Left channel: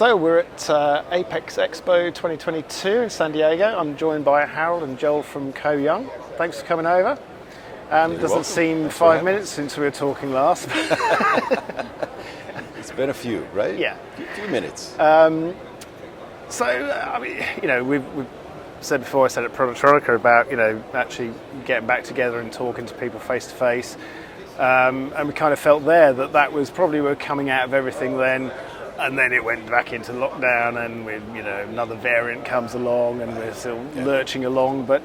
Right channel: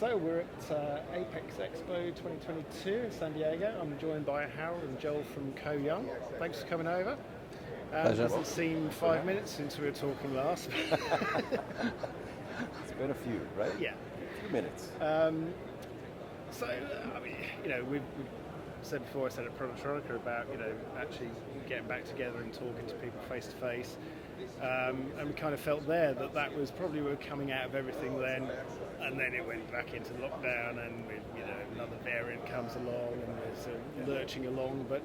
So we're at Apex Expo 2022 in San Diego. I'm joined by Harald and Joel from Co Young. Thanks for coming over. Doesn't seem 5 minutes since we were talking last. It's been a few, right? Yeah. A few minutes. So, I mean, you know, we've said before, I said at Productronica about, you know, actually getting back together and talking to people face to face. And we kind of felt there that was probably we're coming out of everything then. And then it went back into lockdown, and you know, another variant comes along, and we're still lurching along. But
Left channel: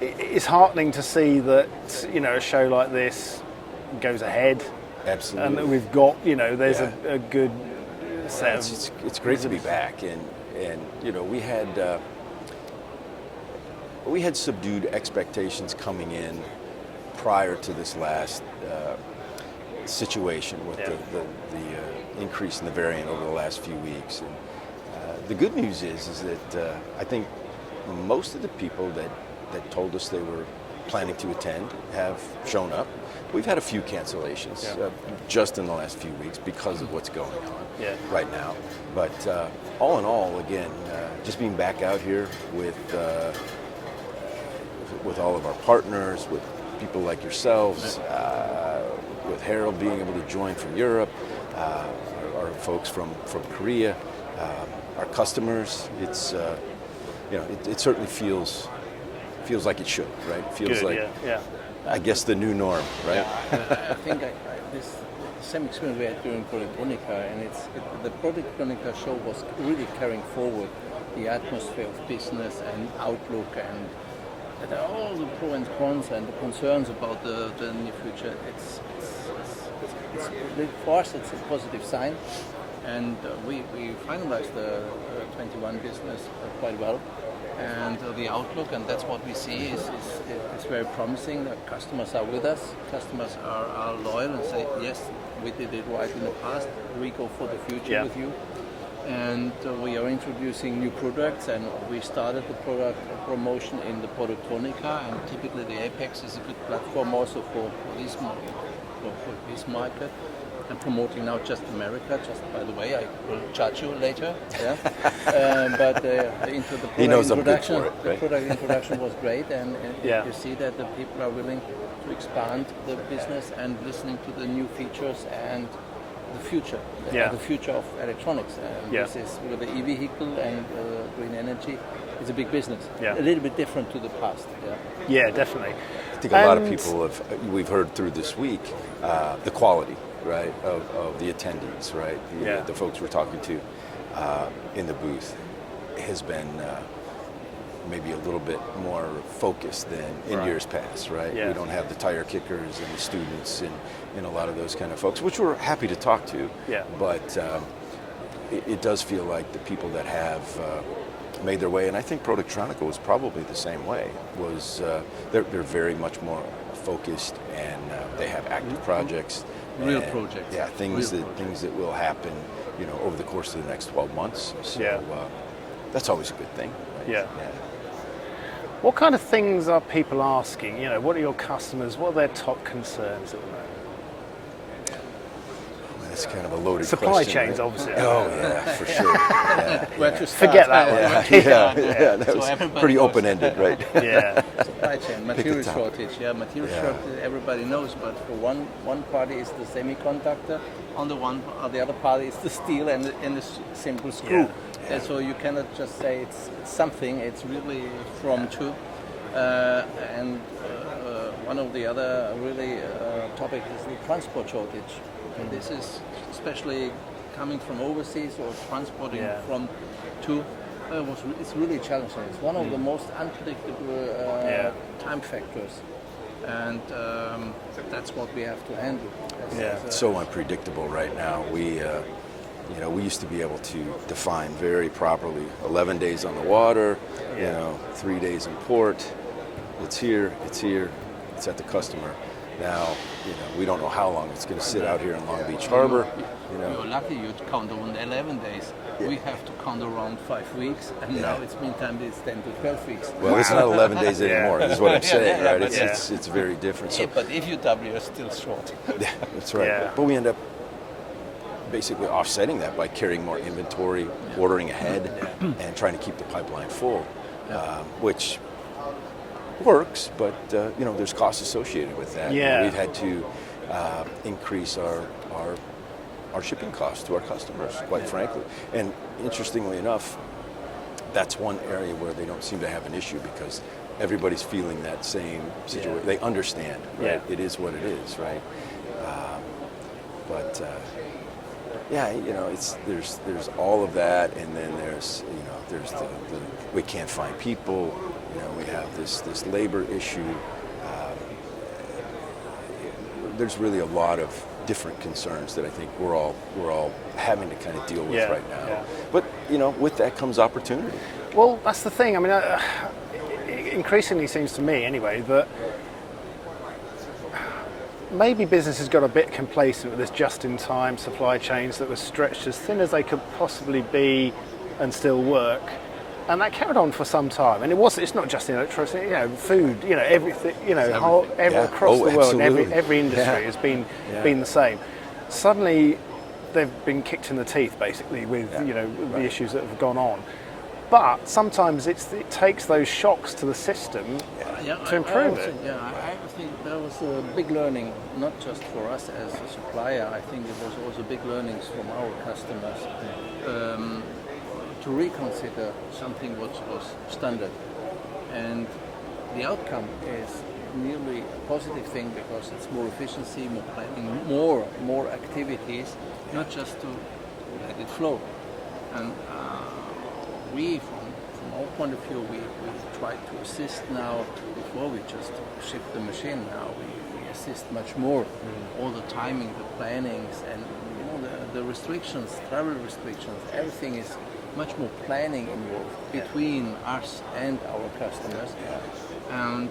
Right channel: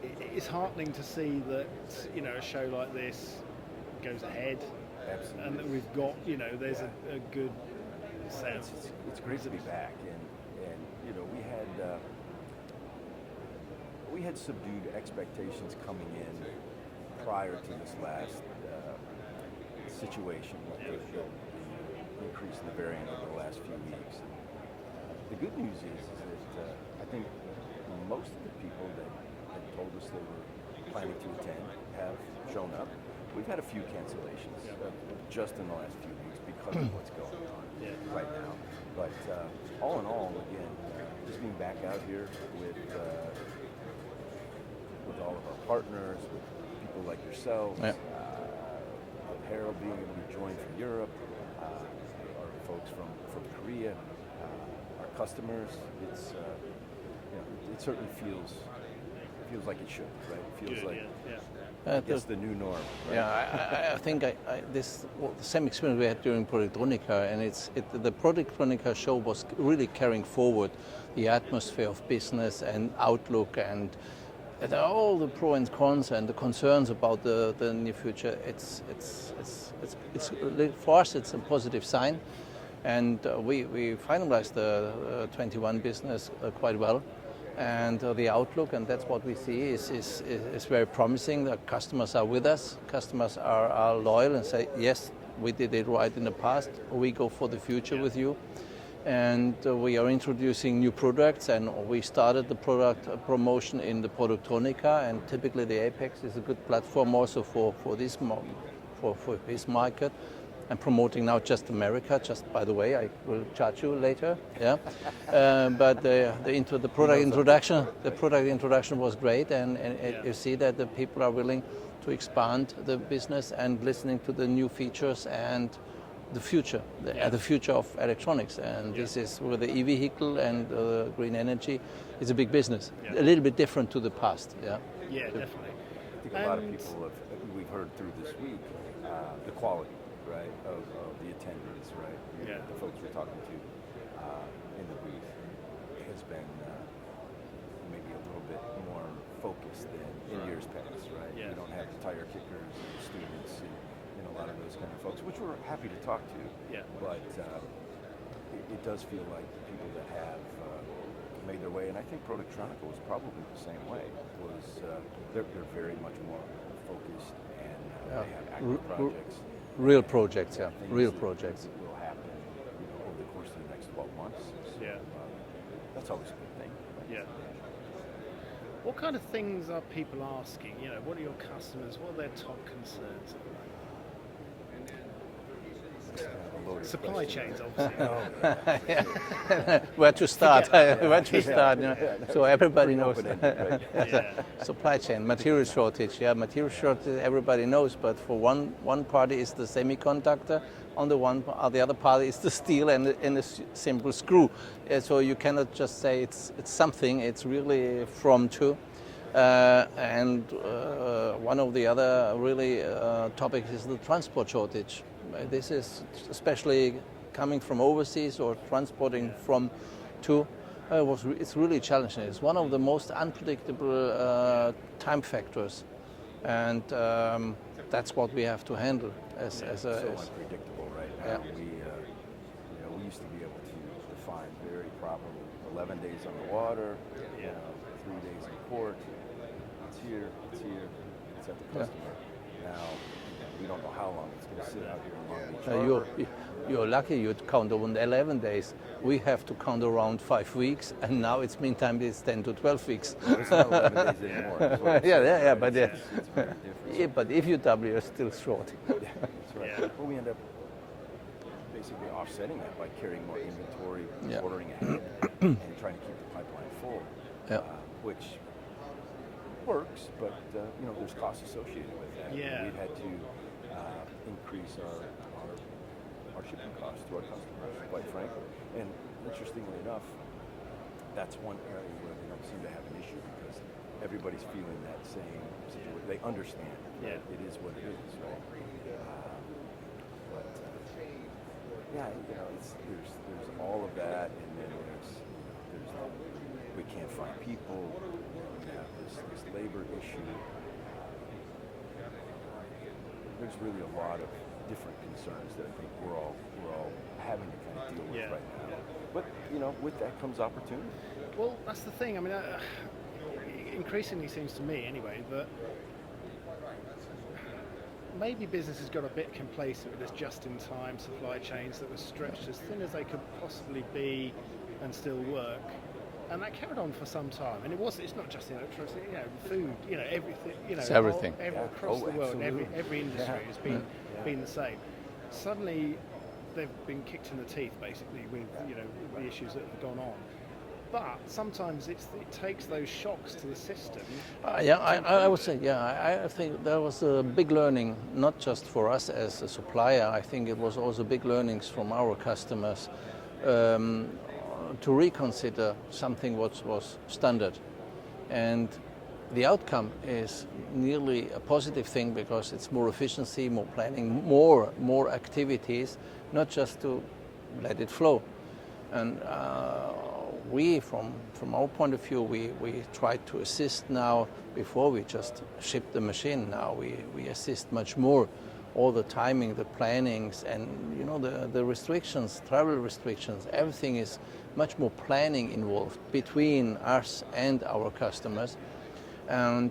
it's heartening to see that, you know, a show like this goes ahead. Absolutely. And that we've got, you know, there's a good set. It's great to be back, and you know, we had subdued expectations coming in prior to this last situation with the increase in the variant over the last few weeks. And, the good news is that I think most of the people that told us they were planning to attend have shown up. We've had a few cancellations just in the last few weeks because of what's going on right now. But all in all, again, just being back out here with all of our partners, with people like yourselves, with Harald being able to join from Europe, our folks from Korea, our customers. It's you know, it certainly feels like it should, right? It feels like I guess the new norm, right? I think the same experience we had during Productronica, and the Productronica show was really carrying forward the atmosphere of business and outlook, and there are all the pros and cons and the concerns about the near future. It's for us, it's a positive sign, and we finalized the 21 business quite well, and the outlook, and that's what we see is very promising. The customers are with us. Customers are loyal and say, yes, we did it right in the past. We go for the future with you. And we are introducing new products, and we started the product promotion in the Productronica, and typically the Apex is a good platform also for this market, and promoting now just America. Just by the way, I will charge you later. But the product introduction was great, and you see that the people are willing to expand the business and listening to the new features and the future, the future of electronics. And this is with the e-vehicle and green energy. It's a big business. A little bit different to the past. Yeah, definitely. I think a lot of people we've heard through this week, the quality, right, of the attendees, right? The folks we're talking to in the booth has been maybe a little bit more focused than in years past, right? We don't have the tire kickers and the students and a lot of those kind of folks, which we're happy to talk to. But it does feel like the people that have made their way, and I think Productronica was probably the same way, was they're very much more focused, and they have active projects. Real projects. Yeah, things that will happen, you know, over the course of the next 12 months. So that's always a good thing. Right? What kind of things are people asking? You know, what are your customers? What are their top concerns at the moment? That's kind of a loaded Supply question. Supply chains, right? obviously. Oh, yeah, for sure. Where to start? Forget that one. That was pretty open-ended, right? Supply chain, material shortage. Material shortage, everybody knows, but for one party is the semiconductor, on the other party is the steel and the simple screw. And so you cannot just say it's something, it's really from to. And one of the other really topics is the transport shortage. This is especially coming from overseas or transporting from to. It's really challenging. It's one of the most unpredictable time factors, and that's what we have to handle. It's so unpredictable right now. We used to be able to define very properly 11 days on the water, 3 days in port. It's here, it's at the customer. Now, we don't know how long it's going to sit out here in Long Beach Harbor. You're lucky you'd count on 11 days. We have to count around 5 weeks, and now it's meantime it's 10 to 12 weeks. Well, it's not 11 days anymore, is what I'm saying, right? It's very different. So, but if you double, you're still short. Yeah, that's right. But we end up basically offsetting that by carrying more inventory, ordering ahead, and trying to keep the pipeline full, which works, but there's costs associated with that. Yeah. We've had to increase our shipping costs to our customers, quite frankly. And interestingly enough, that's one area where they don't seem to have an issue because everybody's feeling that same situation. They understand, right? It is what it is, right? There's all of that, and then there's the we can't find people. We have this labor issue. There's really a lot of different concerns that I think we're all having to kind of deal with right now. Yeah. But with that comes opportunity. Well, that's the thing. I mean, it increasingly seems to me, anyway, that maybe business has got a bit complacent with this just-in-time supply chains that were stretched as thin as they could possibly be and still work. And that carried on for some time. And it's not just in electricity, food, everything, across the world, and every industry has been the same. Suddenly, they've been kicked in the teeth, basically, with the issues that have gone on. But sometimes it takes those shocks to the system to improve it. I think there was a big learning, not just for us as a supplier. I think it was also big learnings from our customers to reconsider something what was standard. And the outcome is nearly a positive thing because it's more efficiency, more planning, more activities, not just to let it flow. And we, from our point of view, we try to assist now. Before we just ship the machine, now we assist much more. All the timing, the plannings, and the restrictions, travel restrictions, everything is much more planning involved between us and our customers. And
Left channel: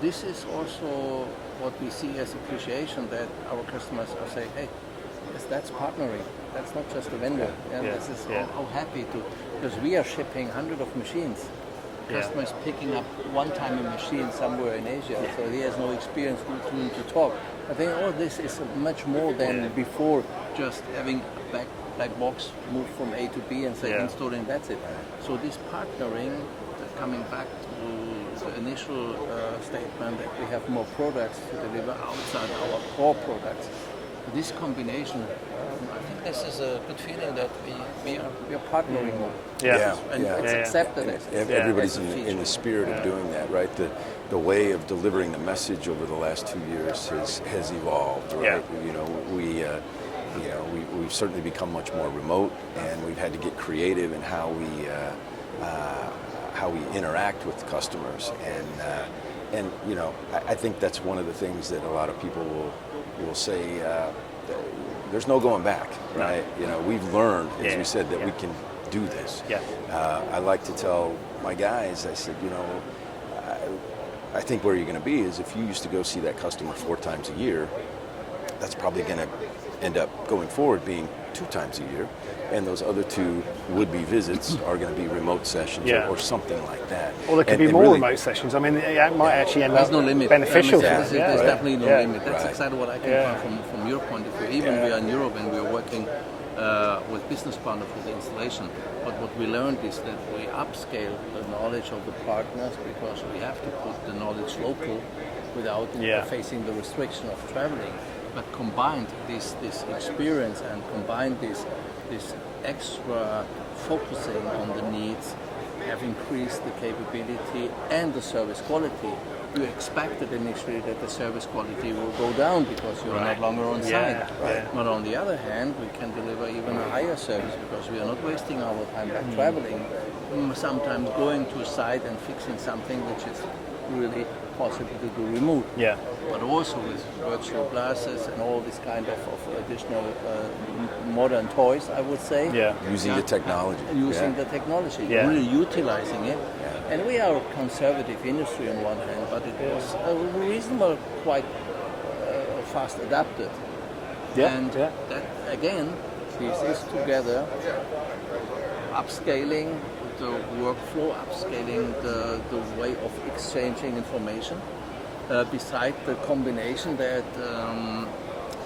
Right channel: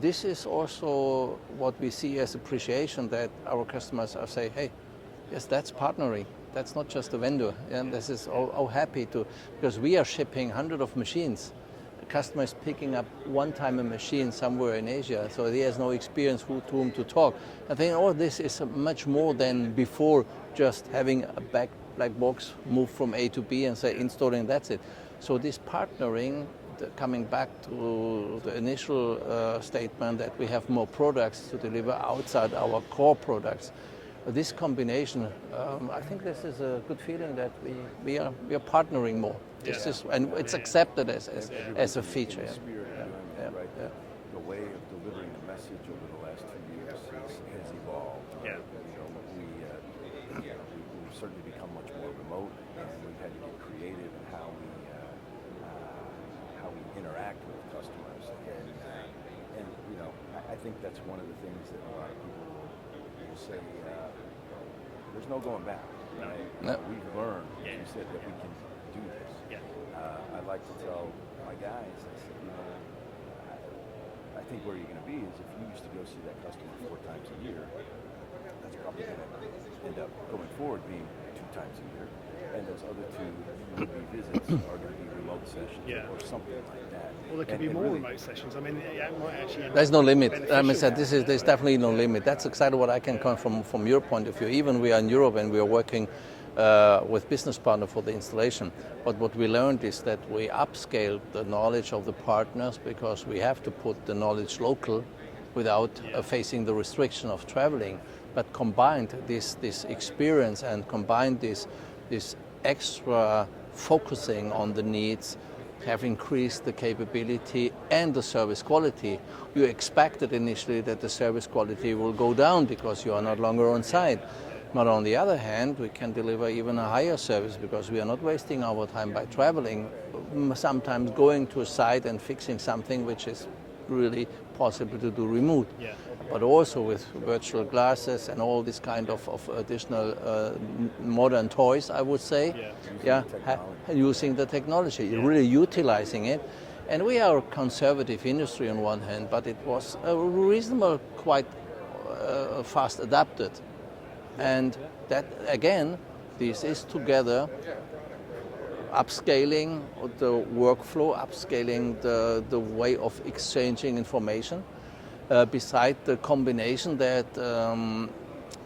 this is also what we see as appreciation, that our customers are saying, hey, yes, that's partnering. That's not just a vendor. And this is all happy to, because we are shipping hundreds of machines. Customers picking up one-time a machine somewhere in Asia, so he has no experience with whom to talk. I think all this is much more than before just having a black box move from A to B and say install and that's it. So this partnering, coming back to the initial statement that we have more products to deliver outside our core products. This combination, I think this is a good feeling that we are partnering more. And it's accepted as everybody's as a feature. in the spirit of doing that, right? The way of delivering the message over the last 2 years has evolved, right? We've certainly become much more remote, and we've had to get creative in how we interact with customers, and I think that's one of the things that a lot of people will say. There's no going back, right? We've learned, as we said, that we can do this. I like to tell my guys, I said, I think where you're going to be is if you used to go see that customer 4 times a year, that's probably going to end up going forward being 2 times a year, and those other 2 would-be visits are going to be remote sessions or something like that. Or there could be more remote sessions. I mean, it might actually end up no limit. beneficial. There's definitely no limit. That's exactly what I can come from your point of view. Even we are in Europe and we are working with business partner for the installation. But what we learned is that we upscale the knowledge of the partners because we have to put the knowledge local without facing the restriction of traveling. But combined this experience and combined this extra focusing on the needs have increased the capability and the service quality. You expected initially that the service quality will go down because you are not longer on site. But on the other hand, we can deliver even a higher service because we are not wasting our time by traveling, sometimes going to a site and fixing something which is really possible to do remote. But also with virtual glasses and all this kind of additional modern toys, I would say. Using the technology. Using the technology, really utilizing it. And we are a conservative industry on one hand, but it was a reasonable, quite fast adapted. That, again, this is together upscaling the workflow, upscaling the way of exchanging information. Beside the combination that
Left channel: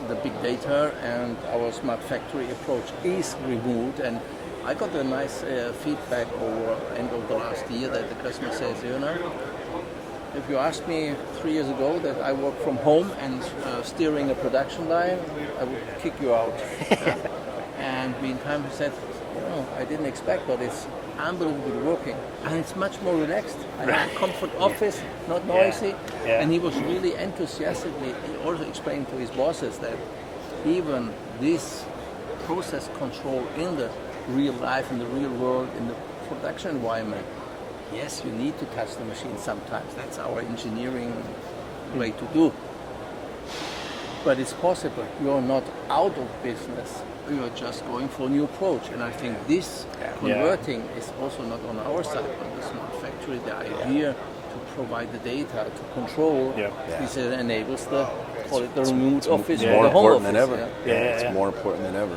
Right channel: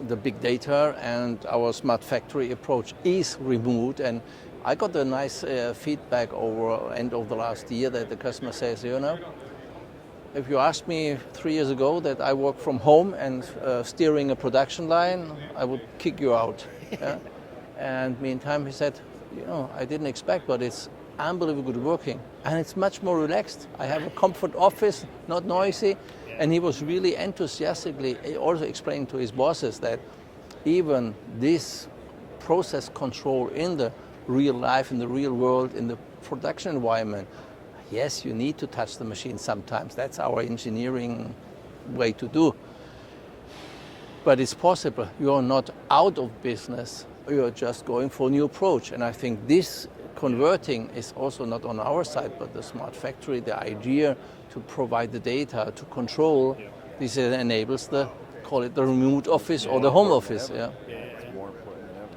the big data and our smart factory approach is removed. And I got a nice feedback over end of the last year that the customer says, if you asked me 3 years ago that I work from home and steering a production line, I would kick you out. Yeah. And meantime, he said, I didn't expect, but it's unbelievably working. And it's much more relaxed. I have a comfort office, not noisy. Yeah. And he was really enthusiastically also explaining to his bosses that even this process control in the real life, in the real world, in the production environment, yes, you need to touch the machine sometimes. That's our engineering way to do. But it's possible. You're not out of business. You're just going for a new approach. And I think this converting is also not on our side, but the smart factory, the idea to provide the data, to control, this enables the, call it the remote office or the home office. It's more important than ever.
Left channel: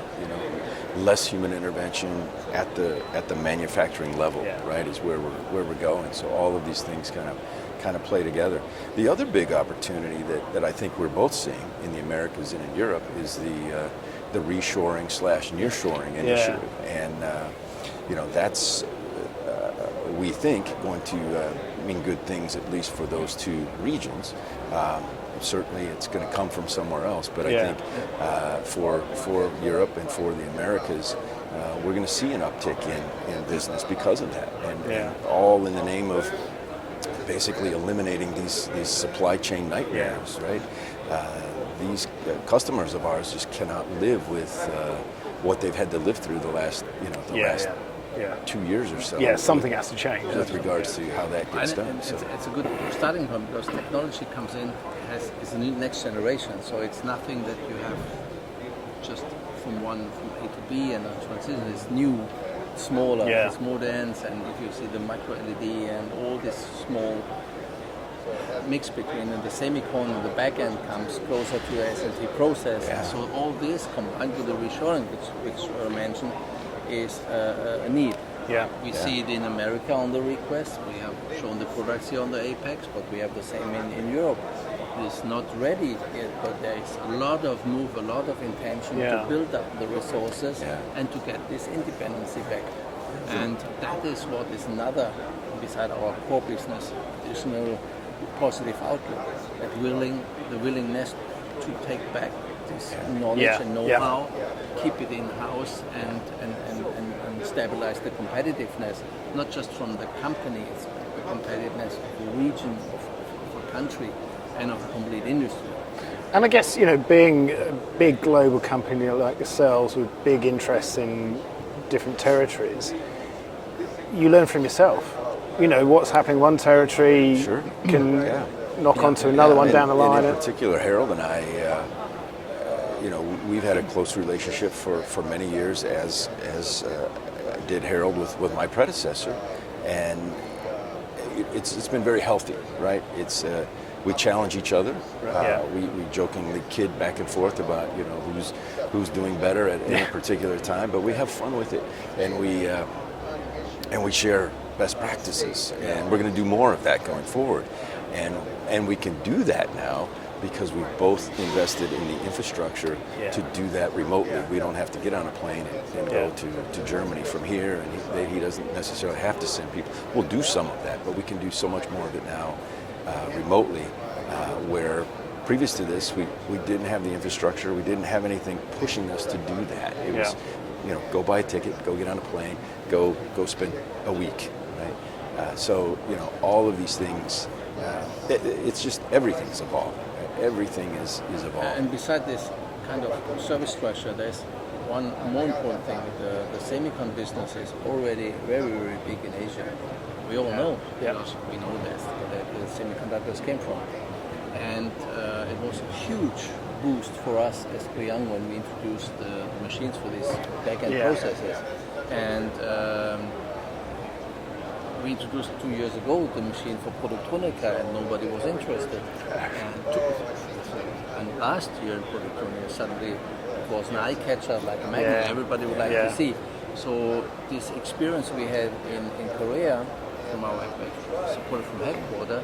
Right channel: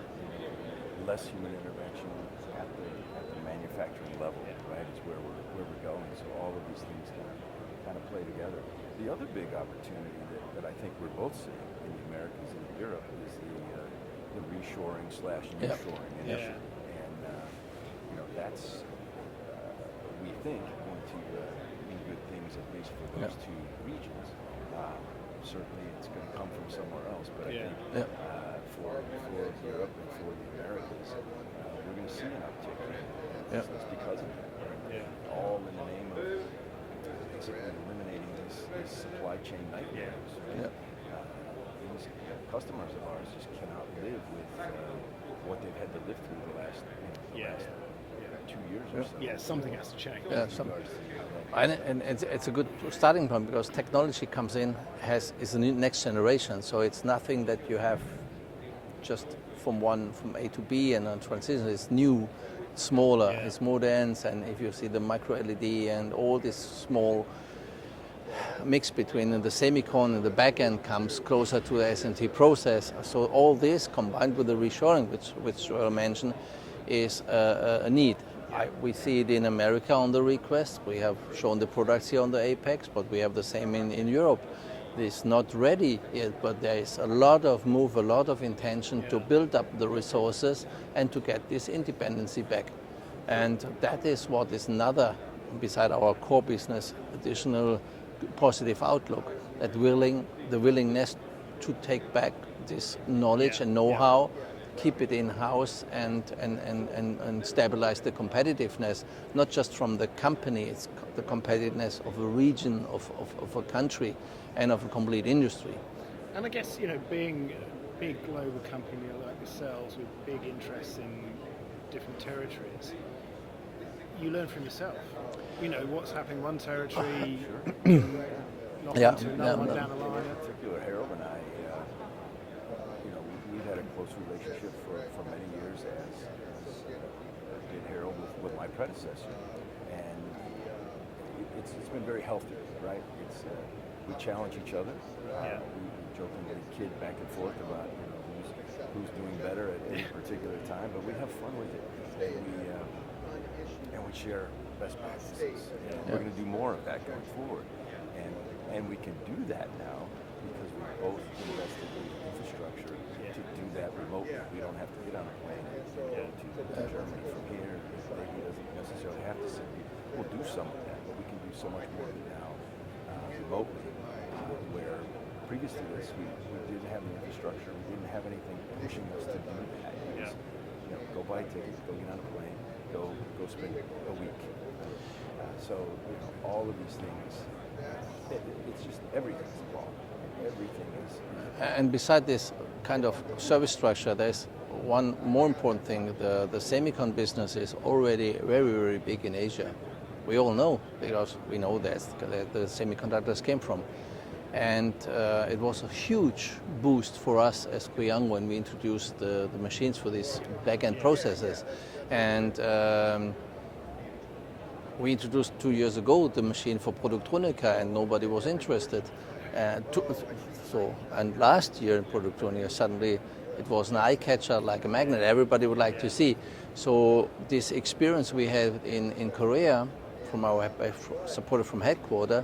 Less human intervention at the manufacturing level, right, is where we're going. So all of these things kind of play together. The other big opportunity that I think we're both seeing in the Americas and in Europe is the reshoring / nearshoring initiative, and that's we think going to mean good things, at least for those two regions. Certainly it's going to come from somewhere else, but I think for Europe and for the Americas, we're going to see an uptick in business because of that, and all in the name of basically eliminating these supply chain nightmares, right? These customers of ours just cannot live with what they've had to live through the last 2 years or so. Yeah, something has to change. With regards to how that gets done. And it's a good starting point because technology comes in, is the next generation. So it's nothing that you have just from A to B and then transition. It's new, smaller, it's more dense, and if you see the micro LED and all this small mix between the semicon and the back end comes closer to the SMT process. So all this combined with the reshoring, which I mentioned, is a need. We see it in America on the request. We have shown the products here on the Apex, but we have the same in Europe. It's not ready yet, but there is a lot of move, a lot of intention to build up the resources and to get this independency back. And that is what is another, beside our core business, additional positive outlook. That the willingness to take back this knowledge and know-how, keep it in-house and stabilize the competitiveness, not just from the company, it's the competitiveness of a region, of a country, and of a complete industry. And I guess, being a big global company like yourselves with big interests in different territories, you learn from yourself. What's happening in one territory can knock onto another one down the line. In particular, Harald and I, we've had a close relationship for many years, as did Harald with my predecessor, and it's been very healthy, right? It's we challenge each other. We jokingly kid back and forth about who's doing better at any particular time, but we have fun with it, and we share best practices, and we're going to do more of that going forward, and we can do that now because we've both invested in the infrastructure to do that remotely. We don't have to get on a plane and go to Germany from here, and he doesn't necessarily have to send people. We'll do some of that, but we can do so much more of it now remotely, where previous to this, we didn't have the infrastructure, we didn't have anything pushing us to do that. It was, go buy a ticket, go get on a plane, go spend a week, right? So, all of these things, it's just everything's evolved. Everything is evolved. And beside this kind of service structure, there's one more important thing. The semicon business is already very, very big in Asia. We all know, because we know that the semiconductors came from. And it was a huge boost for us as Iain when we introduced the machines for these back-end processes. And we introduced 2 years ago the machine for Productronica, and nobody was interested. And last year, Productronica, suddenly it was an eye-catcher like a magnet. Everybody would like to see. So this experience we had in Korea from our supported from headquarters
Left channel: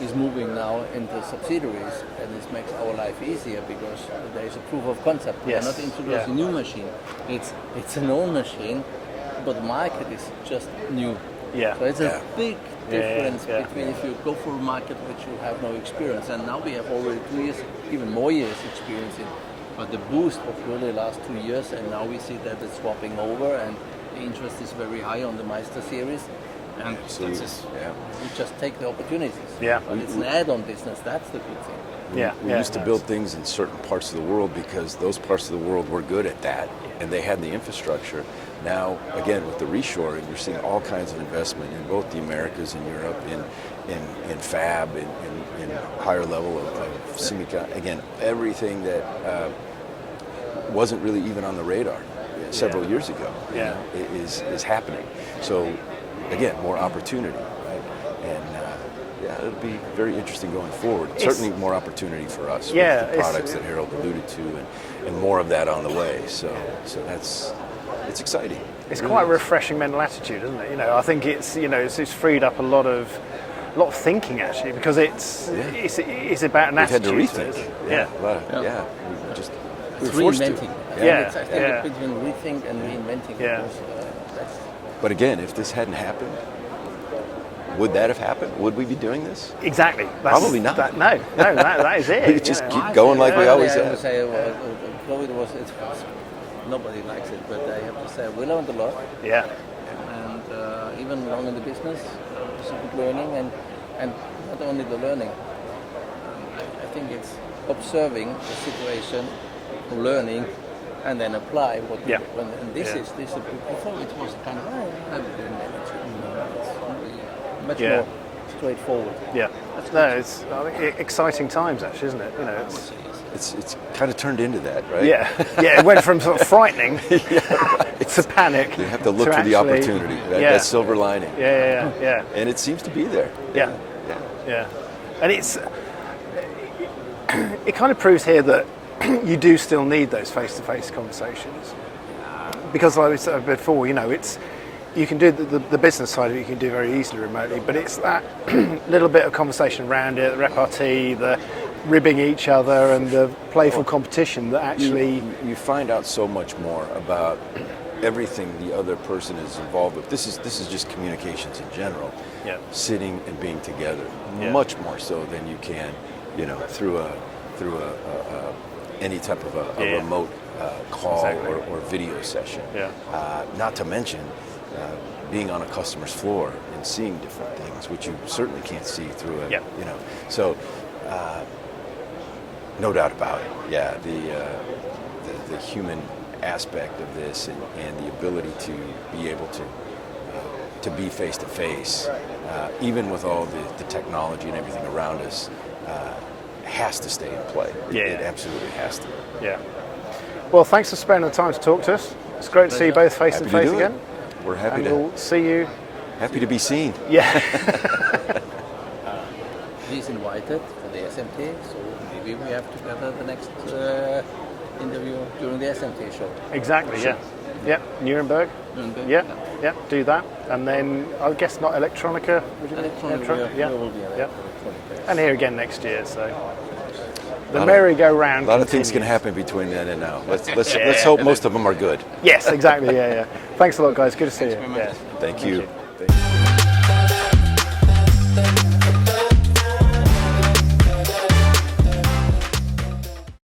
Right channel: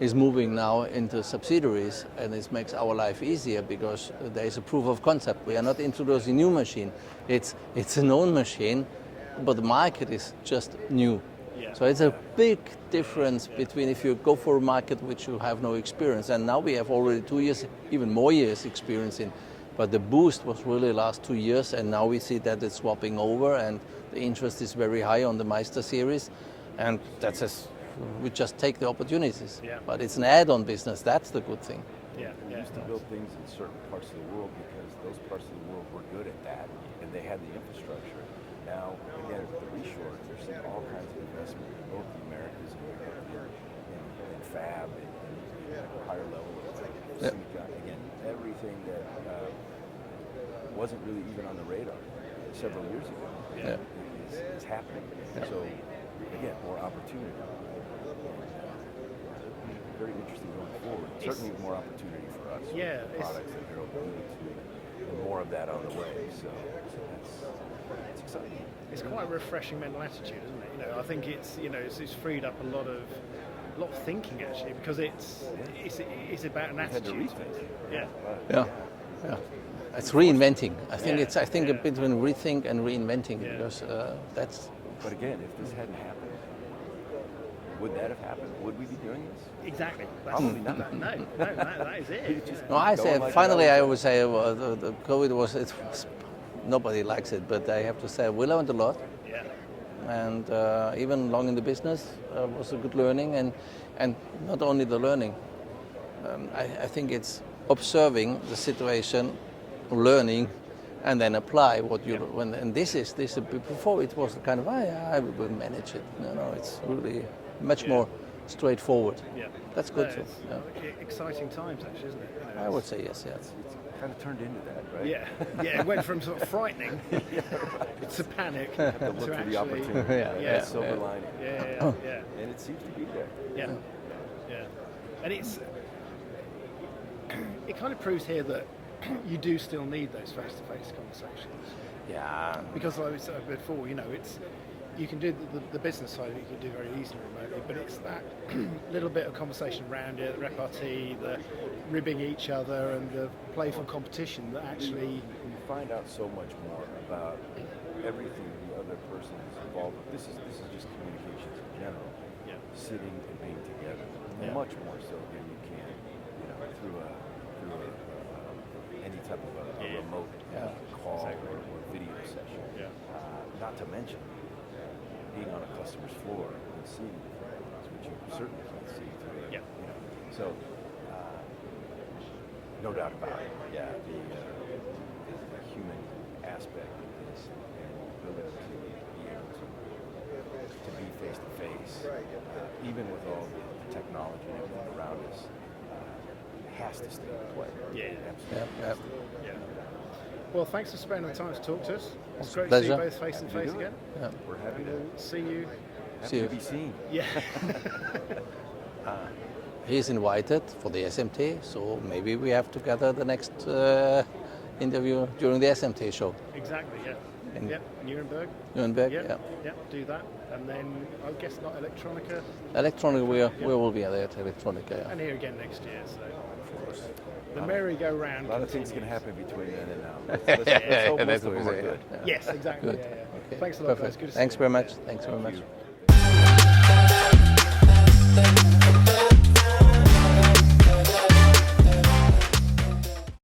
is moving now into subsidiaries, and this makes our life easier because there is a proof of concept. We are not introducing new machine. It's an old machine, but the market is just new. Yeah. So it's a big difference between if you go for a market which you have no experience, and now we have already 2 years, even more years experience in. But the boost was really the last 2 years, and now we see that it's swapping over, and the interest is very high on the Meister series, and that's just, we just take the opportunities. Yeah. But it's an add-on business. That's the good thing. We used to build things in certain parts of the world because those parts of the world were good at that, and they had the infrastructure. Now, again, with the reshoring, you're seeing all kinds of investment in both the Americas and Europe, in fab, in higher level of semicon. Again, everything that wasn't really even on the radar several years ago is happening. So, again, more opportunity, right? And it'll be very interesting going forward. Certainly more opportunity for us with the products that Harald alluded to, and more of that on the way. So it's exciting. It's quite a refreshing mental attitude, isn't it? You know, I think it's it's freed up a lot of thinking actually, because it's about an attitude. We've had to rethink. It's reinventing. I think between rethink and reinventing. Yeah. That's. But again, if this hadn't happened, would that have happened? Would we be doing this? Exactly. Probably not. That is it. We just keep going like we always I have. would say, though it was nobody likes it, but I have to say we learned a lot. Yeah. And even long in the business, it was a good learning, and not only the learning. I think it's observing the situation, learning, and then apply what. And this is before it was kind of I will manage it. It's really much more straightforward. Yeah. That's good. It's exciting times actually, isn't it? You know, I would say yes. It's kind of turned into that, right? Yeah. It went from sort of frightening to panic. You have to look for the opportunity, right? That silver lining. Yeah. And it seems to be there. Yeah. And it kind of proves here that you do still need those face-to-face conversations, because like we said before, you can do the business side of it, you can do very easily remotely, but it's that little bit of conversation around it, the repartee, the ribbing each other, and the playful competition that actually you find out so much more about everything the other person is involved with. This is just communications in general. Sitting and being together, much more so than you can, through any type of a remote call or video session. Not to mention being on a customer's floor and seeing different things, which you certainly can't see through it. So no doubt about it. The human aspect of this and the ability to be able to be face to face, even with all the technology and everything around us, has to stay in play. It absolutely has to. Yeah. Well, thanks for spending the time to talk to us. It's great to see you both face to face again. We're happy we'll see you. Happy to be seen. Yeah. He's invited for the SMT, so maybe we have to gather the next interview during the SMT show. Exactly. Yeah. Nuremberg. Yeah. Do that, and then I guess not Electronica. Electronica. We will be at Electronica. And here again next year. So the merry-go-round. A lot of things can happen between then and now. Let's hope most of them are good. Yes, exactly. Yeah. Thanks a lot, guys. Good to see you. Thanks very much. Thank you.